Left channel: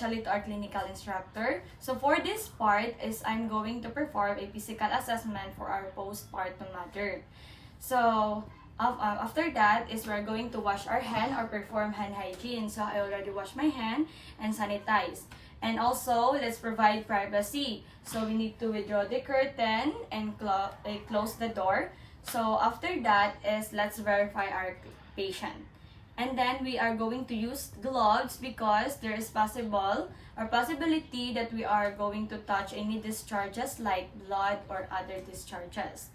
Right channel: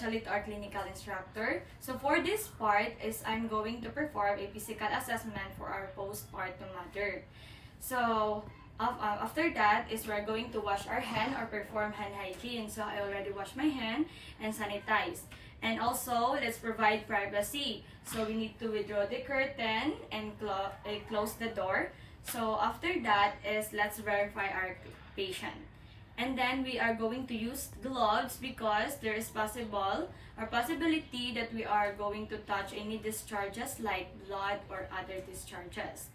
especially to our clinical instructor. So for this part is I'm going to perform a physical assessment for our postpartum mother. So after that is we're going to wash our hand or perform hand hygiene. So I already washed my hand and sanitize. And also, let's provide privacy. So we need to withdraw the curtain and close the door. So after that is let's verify our patient. And then we are going to use gloves because there is possibility that we are going to touch any discharges like blood or other discharges.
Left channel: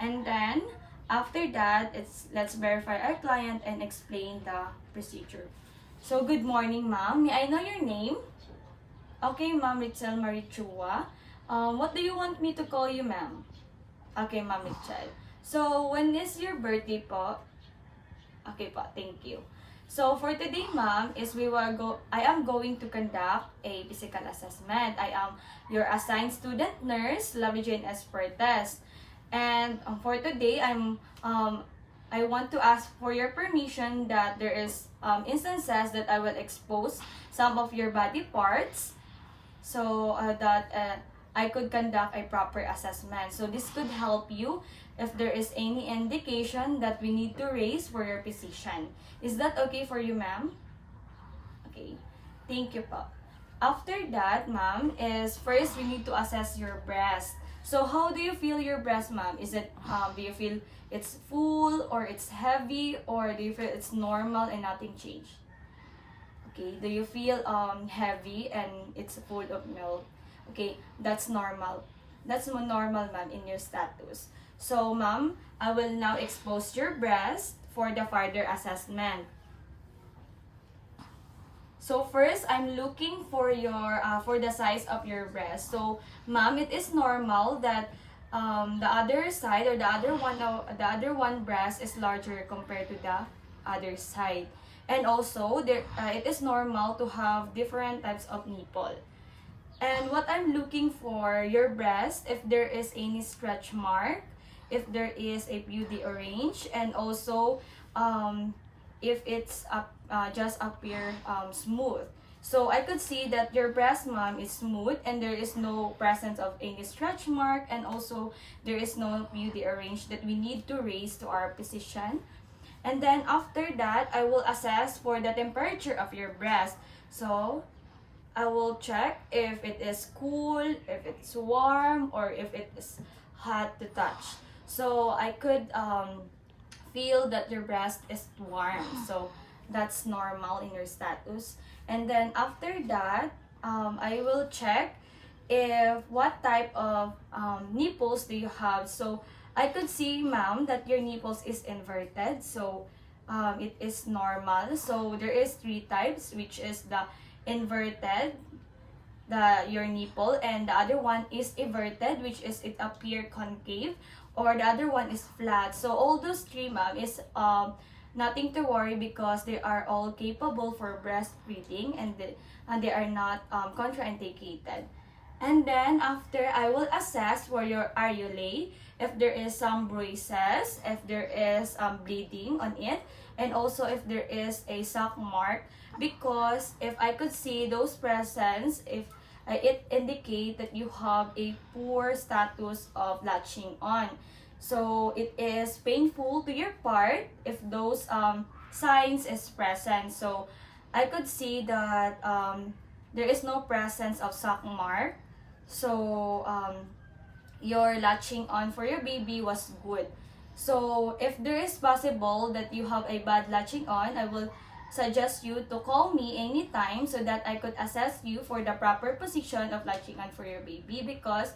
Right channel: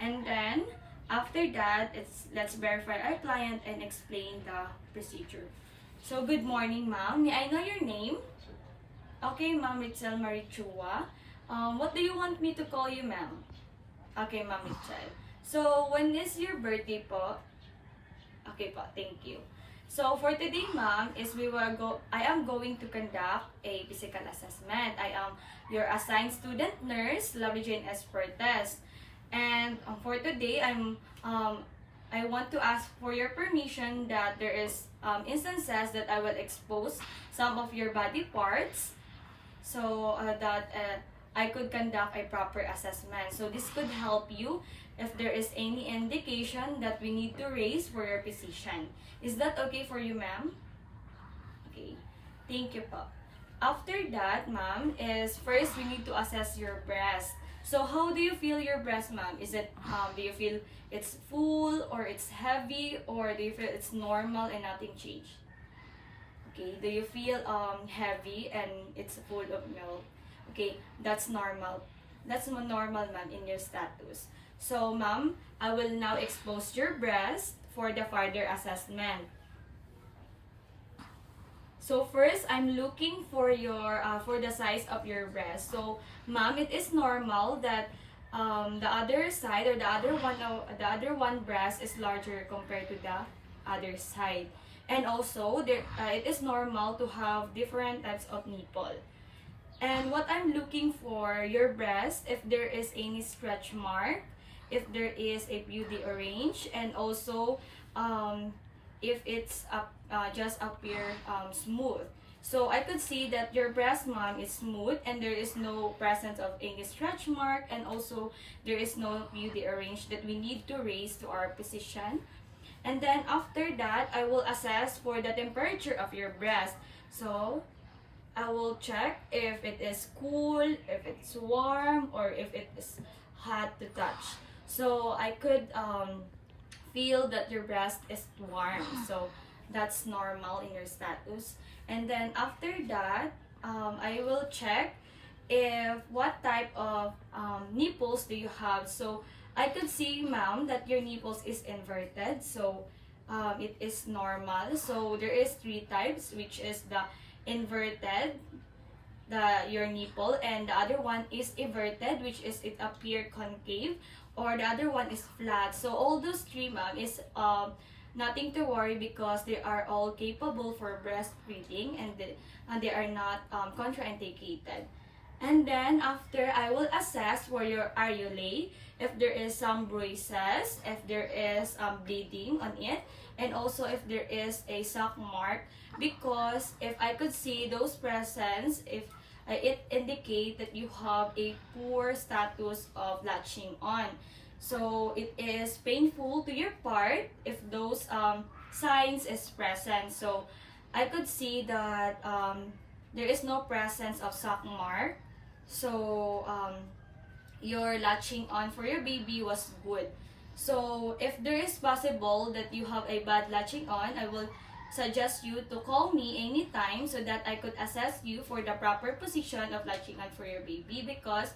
And then after that, let's verify our client and explain the procedure. So good morning, ma'am. May I know your name? Okay, ma'am, Richelle Marie Chua. What do you want me to call you, ma'am? Okay, ma'am Richelle. So, when is your birthday po? Okay po, thank you. So, for today, ma'am, I am going to conduct a physical assessment. I am your assigned student nurse, Lovey Jane Espertes. And for today, I want to ask for your permission that there is instances that I will expose some of your body parts so that I could conduct a proper assessment. So this could help you if there is any indication that we need to raise for your physician. Is that okay for you, ma'am? Okay. Thank you po. After that, ma'am, is first we need to assess your breast. So how do you feel your breast, ma'am? Is it, do you feel it's full or it's heavy or do you feel it's normal and nothing changed? Okay, do you feel heavy and it's full of milk? Okay, that's normal. That's normal, ma'am, in your status. So, ma'am, I will now expose your breast for the further assessment. So first, I'm looking for your for the size of your breast. So, ma'am, it is normal that the other side or the other one breast is larger compared to the other side. And also, it is normal to have different types of nipple. And what I'm looking for, your breast, if there is any stretch mark, if there is a beauty orange, and also if it's just appear smooth. So I could see that your breast, ma'am, is smooth and there is no presence of any stretch mark, and also there is no beauty orange that we need to raise to our physician. And then after that, I will assess for the temperature of your breast. So I will check if it is cool, if it's warm, or if it is hot to touch. So I could feel that your breast is warm. So that's normal in your status. And then after that, I will check if what type of nipples do you have. So I could see, ma'am, that your nipples is inverted. So it is normal. So there is 3 types, which is the inverted, your nipple, and the other one is everted, which is it appear concave, or the other one is flat. So all those 3, ma'am, is nothing to worry because they are all capable for breastfeeding and they are not contraindicated. And then after, I will assess for your areolae, if there is some bruises, if there is bleeding on it, and also if there is a sock mark, because if I could see those presence, if it indicate that you have a poor status of latching on. So it is painful to your part if those signs is present. So I could see that there is no presence of sock mark. So your latching on for your baby was good. So if there is possible that you have a bad latching on, I will suggest you to call me anytime so that I could assess you for the proper position of latching on for your baby. Because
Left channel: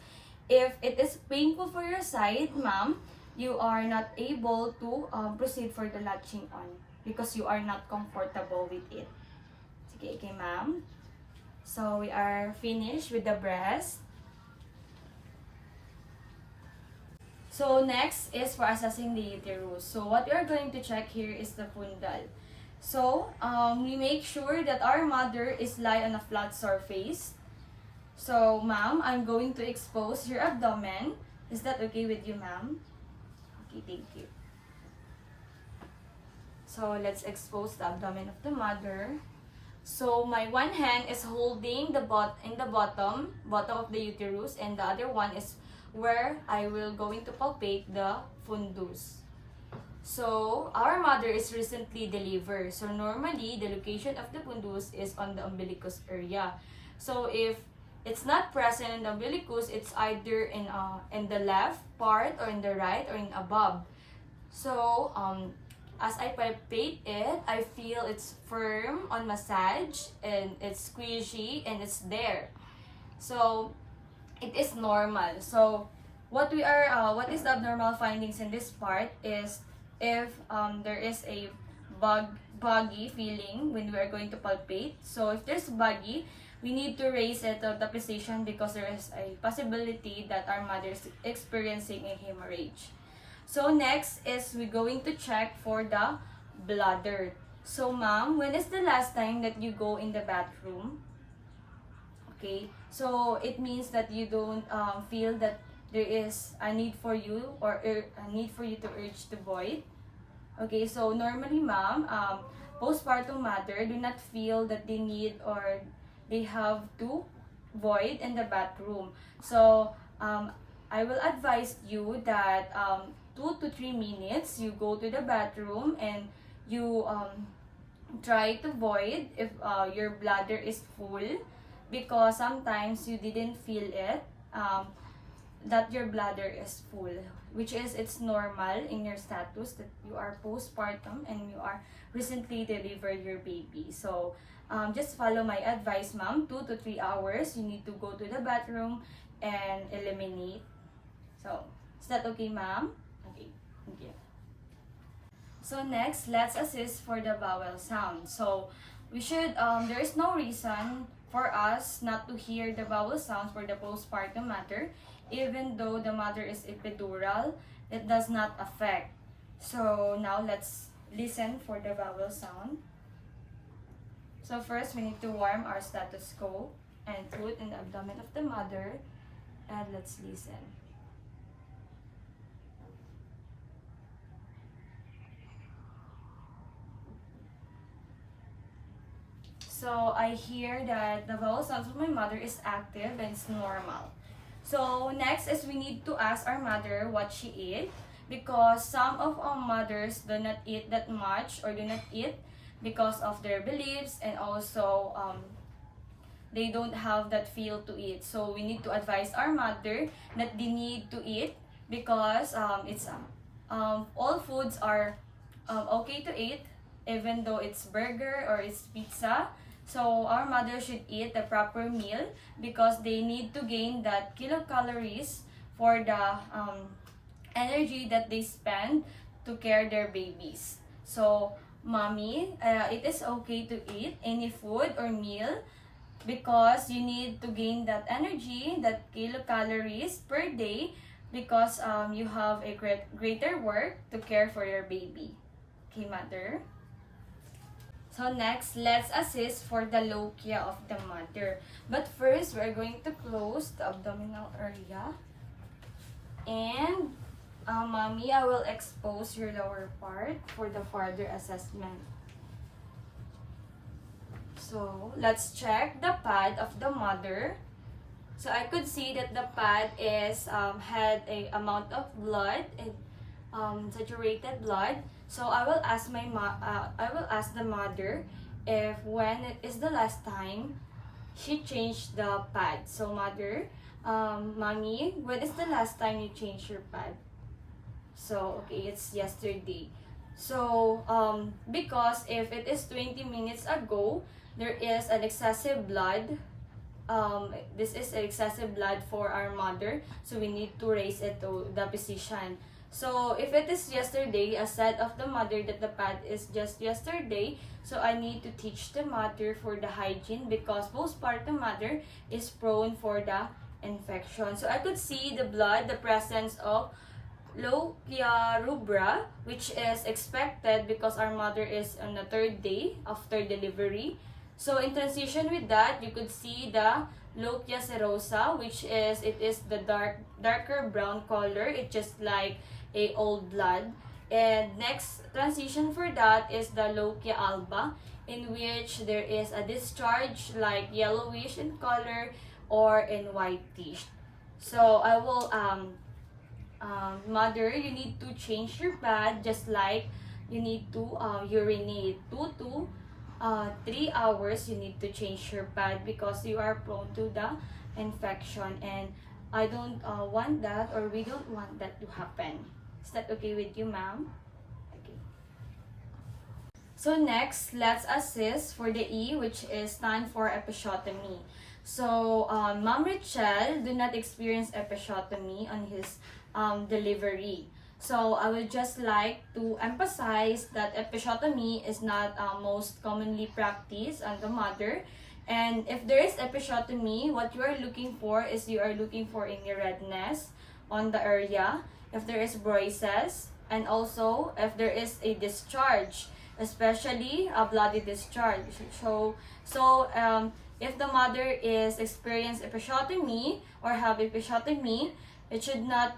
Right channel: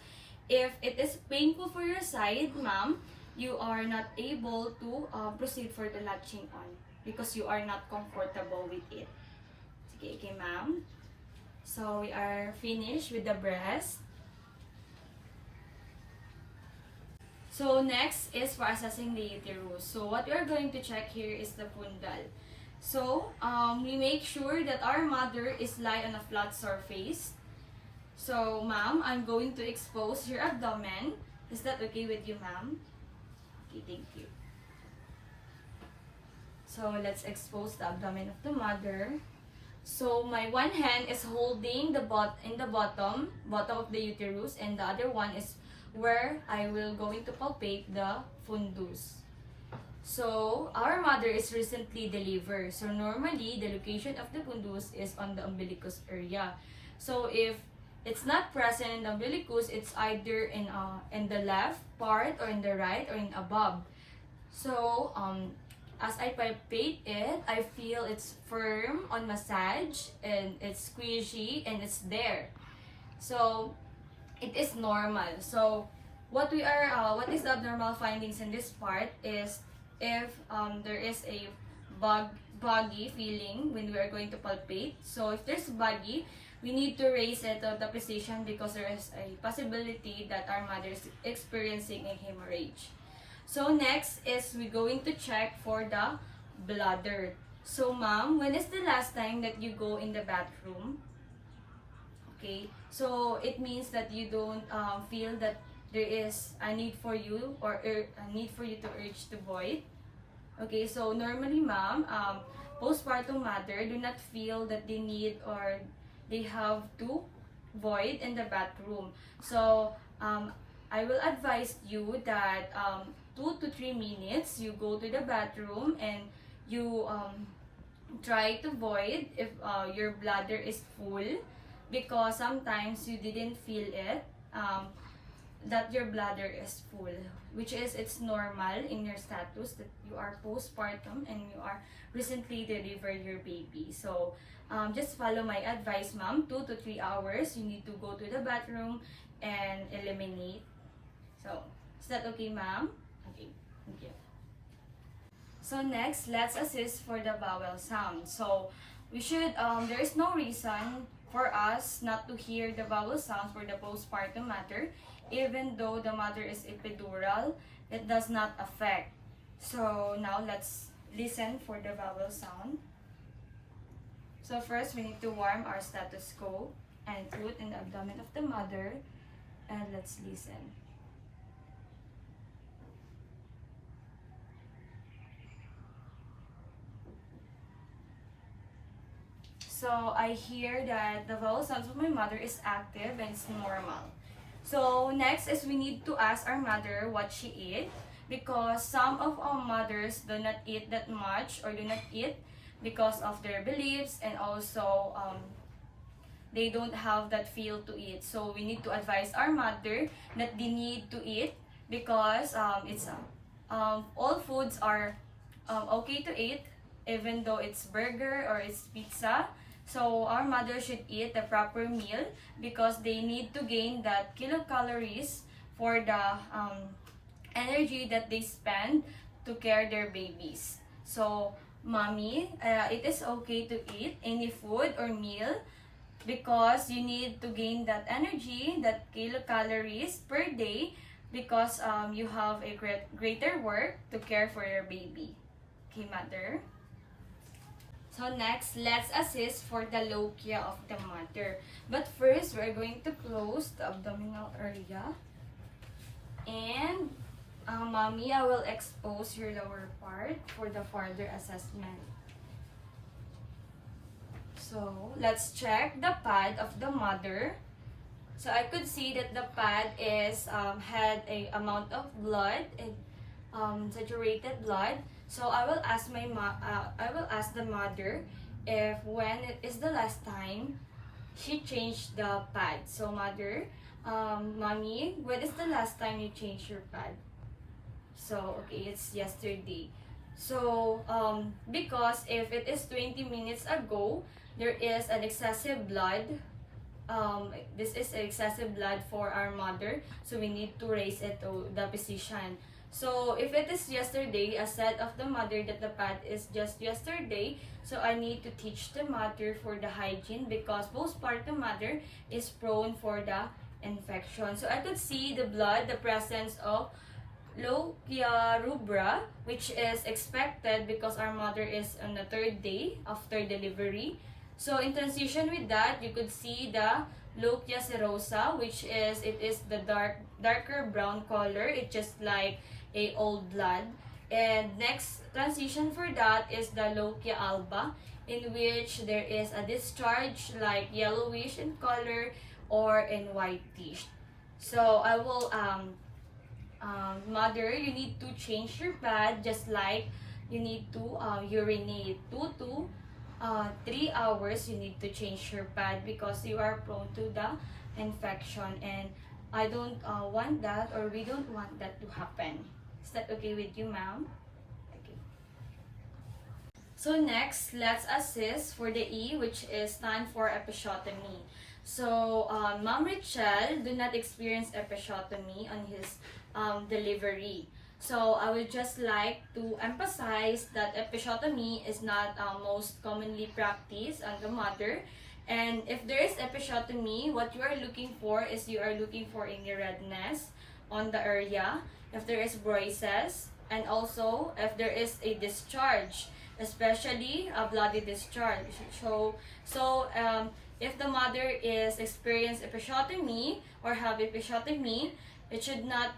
if it is painful for your side, ma'am, you are not able to proceed for the latching on because you are not comfortable with it. Okay, ma'am. So we are finished with the breast. So next is for assessing the uterus. So what we are going to check here is the fundal. So we make sure that our mother is lie on a flat surface. So ma'am, I'm going to expose your abdomen. Is that okay with you, ma'am? Okay, thank you. So let's expose the abdomen of the mother. So my one hand is holding the bottom of the uterus, and the other one is where I will going to palpate the fundus. So our mother is recently delivered. So normally the location of the fundus is on the umbilicus area. So if it's not present in the umbilicus, it's either in the left part or in the right or in above. So as I palpate it, I feel it's firm on massage and it's squishy and it's there. So it is normal. So what is the abnormal findings in this part is if there is a buggy feeling when we are going to palpate. So if there's buggy, we need to raise it to the position because there is a possibility that our mother is experiencing a hemorrhage. So next is we're going to check for the bladder. So ma'am, when is the last time that you go in the bathroom? Okay, so it means that you don't feel that there is a need for you or a need for you to urge to void. Okay, so normally ma'am, postpartum mother do not feel that they need or they have to void in the bathroom. So I will advise you that 2 to 3 minutes you go to the bathroom and you try to void if your bladder is full, because sometimes you didn't feel it that your bladder is full, which is it's normal in your status that you are postpartum and you are recently delivered your baby. So just follow my advice ma'am, 2 to 3 hours you need to go to the bathroom and eliminate. So is that okay ma'am? Okay, thank you. So next, let's assist for the vowel sound. So we should there is no reason for us not to hear the vowel sounds for the postpartum mother. Even though the mother is epidural, it does not affect. So now let's listen for the vowel sound. So first we need to warm our stethoscope and put in the abdomen of the mother, and let's listen. So I hear that the vowel sounds of my mother is active and it's normal. So next is we need to ask our mother what she ate, because some of our mothers do not eat that much or do not eat because of their beliefs, and also they don't have that feel to eat. So we need to advise our mother that they need to eat, because it's all foods are okay to eat, even though it's burger or it's pizza. So our mother should eat the proper meal because they need to gain that kilocalories for the energy that they spend to care their babies. So mommy, it is okay to eat any food or meal because you need to gain that energy, that kilocalories per day, because you have a greater work to care for your baby. Okay, mother? So next, let's assist for the lochia of the mother. But first, we're going to close the abdominal area. And mommy, I will expose your lower part for the further assessment. So let's check the pad of the mother. So I could see that the pad is had a amount of blood, saturated blood. So I will ask the mother if when it is the last time she changed the pad. So mother, mommy, when is the last time you changed your pad? So okay, it's yesterday. So because if it is 20 minutes ago, there is an excessive blood. This is excessive blood for our mother, so we need to raise it to the position. So if it is yesterday, I said of the mother that the pad is just yesterday, so I need to teach the mother for the hygiene, because postpartum mother is prone for the infection. So I could see the blood, the presence of lochia rubra, which is expected because our mother is on the 3rd day after delivery. So in transition with that, you could see the lochia serosa, which is the darker brown color. It's just like a old blood. And next transition for that is the lochia alba, in which there is a discharge like yellowish in color or in whitish. So I will mother, you need to change your pad just like you need to urinate 2 to 3 hours. You need to change your pad because you are prone to the infection, and I don't want that, or we don't want that to happen. Is that okay with you, ma'am? Okay. So next, let's assist for the E, which is time for episiotomy. So Ma'am Richelle did not experience episiotomy on his delivery. So I would just like to emphasize that episiotomy is not most commonly practiced on the mother. And if there is episiotomy, what you are looking for is you are looking for any redness on the area, if there is bruises, and also if there is a discharge, especially a bloody discharge. So if the mother is experience episiotomy or have episiotomy, it should not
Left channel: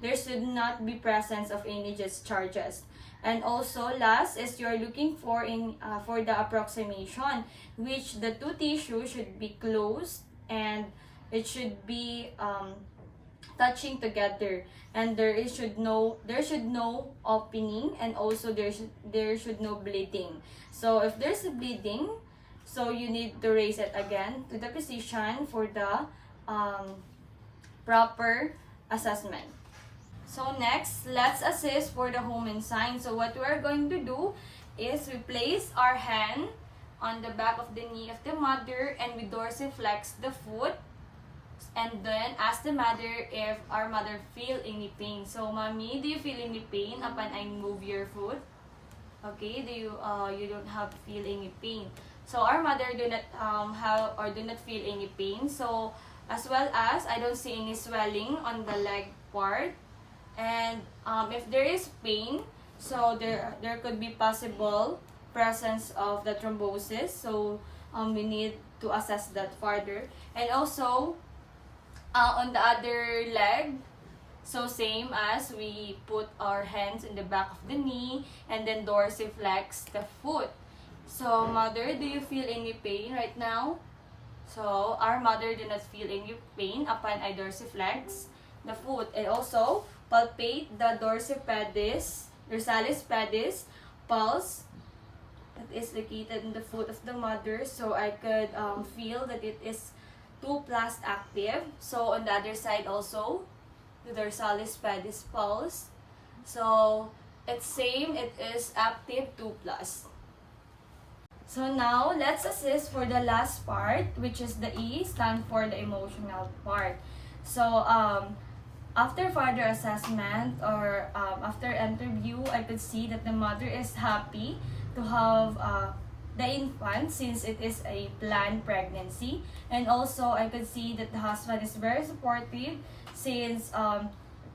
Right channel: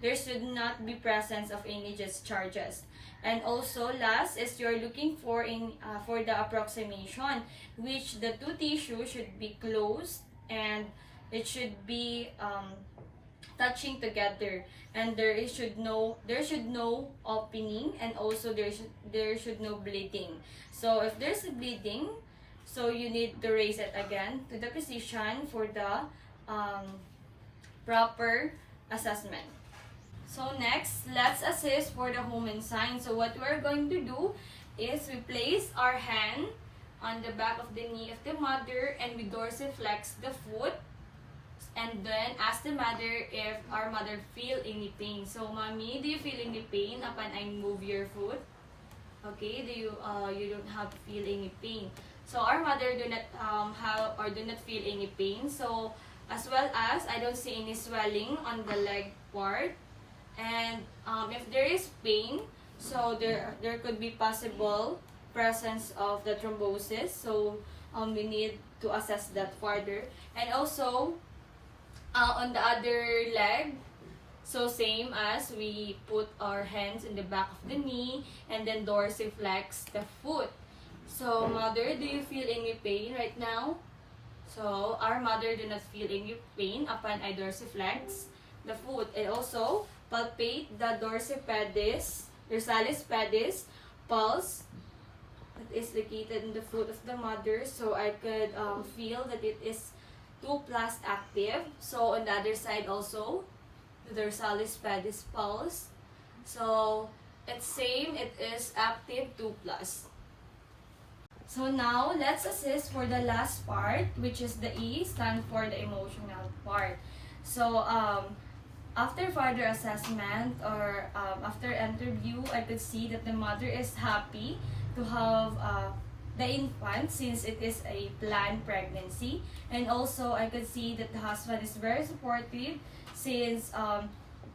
there should not be presence of any discharges. And also last is you're looking for for the approximation, which the two tissues should be closed and it should be touching together, and there should no opening, and also there should no bleeding. So if there's a bleeding, so you need to raise it again to the position for the proper assessment. So next, let's assist for the Homan sign. So what we are going to do is we place our hand on the back of the knee of the mother and we dorsiflex the foot, and then ask the mother if our mother feel any pain. So mommy, do you feel any pain upon I move your foot? Okay, do you you don't have feel any pain. So our mother do not have or do not feel any pain. So as well as I don't see any swelling on the leg part. And if there is pain, so there could be possible presence of the thrombosis. So we need to assess that further. And also on the other leg, so same as we put our hands in the back of the knee and then dorsiflex the foot. So mother, do you feel any pain right now? So our mother do not feel any pain upon I dorsiflex the foot. And also palpate the dorsipedis, dorsalis pedis pulse that is located in the foot of the mother. So I could feel that it is 2+ active. So on the other side also, the dorsalis pedis pulse. So it's same, it is active 2+. So now let's assist for the last part, which is the E, stand for the emotional part. So after further assessment or after interview, I could see that the mother is happy to have the infant since it is a planned pregnancy. And also I could see that the husband is very supportive since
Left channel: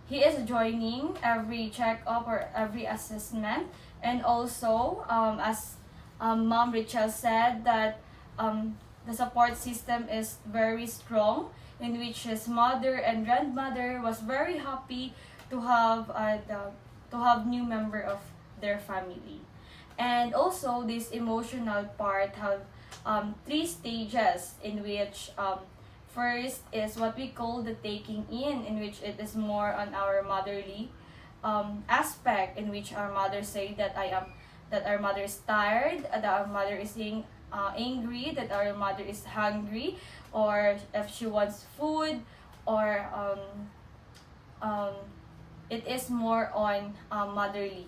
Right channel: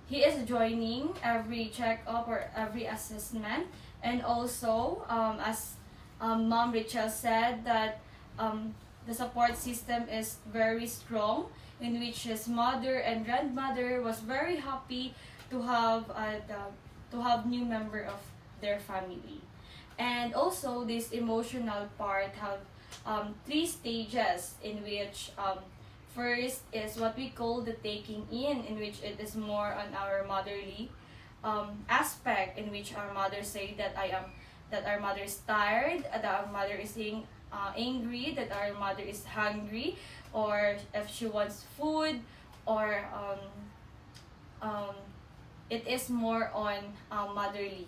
he is joining every checkup or every assessment. And also as Mom Richelle said that the support system is very strong, in which his mother and grandmother was very happy to have new member of their family. And also this emotional part have 3 stages, in which first is what we call the taking in which it is more on our motherly aspect, in which our mother say that our mother is tired, that our mother is angry, that our mother is hungry, or if she wants food, or it is more on motherly.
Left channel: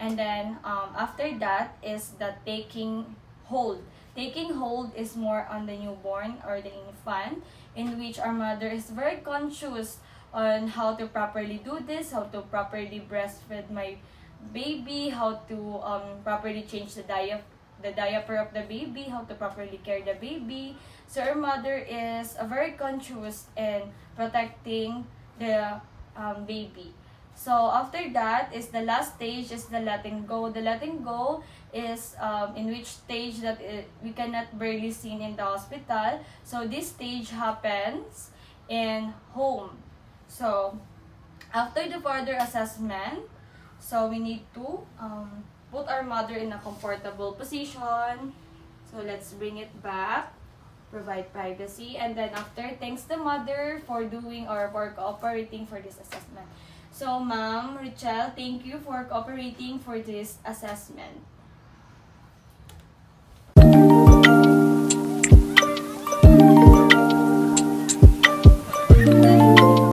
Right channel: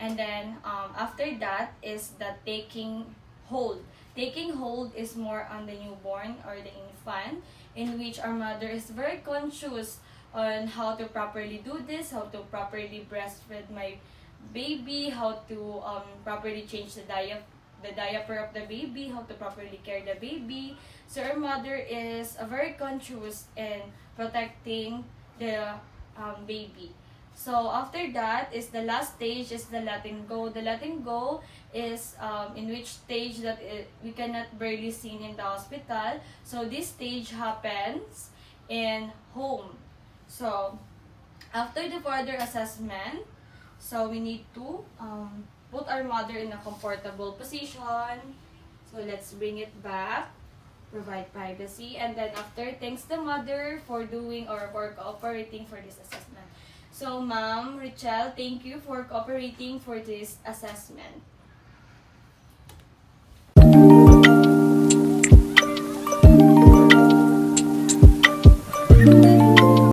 And then after that is the taking hold. Taking hold is more on the newborn or the infant, in which our mother is very conscious on how to properly do this, how to properly breastfeed my baby, how to properly change the diaper of the baby, how to properly care the baby. So our mother is very conscious in protecting the baby. So after that is the last stage is the letting go. The letting go is in which stage that we cannot barely seen in the hospital. So this stage happens in home. So after the further assessment, So we need to put our mother in a comfortable position. So let's bring it back. Provide privacy. And then after, thanks the mother for doing or for cooperating for this assessment. So Ma'am Richelle, thank you for cooperating for this assessment.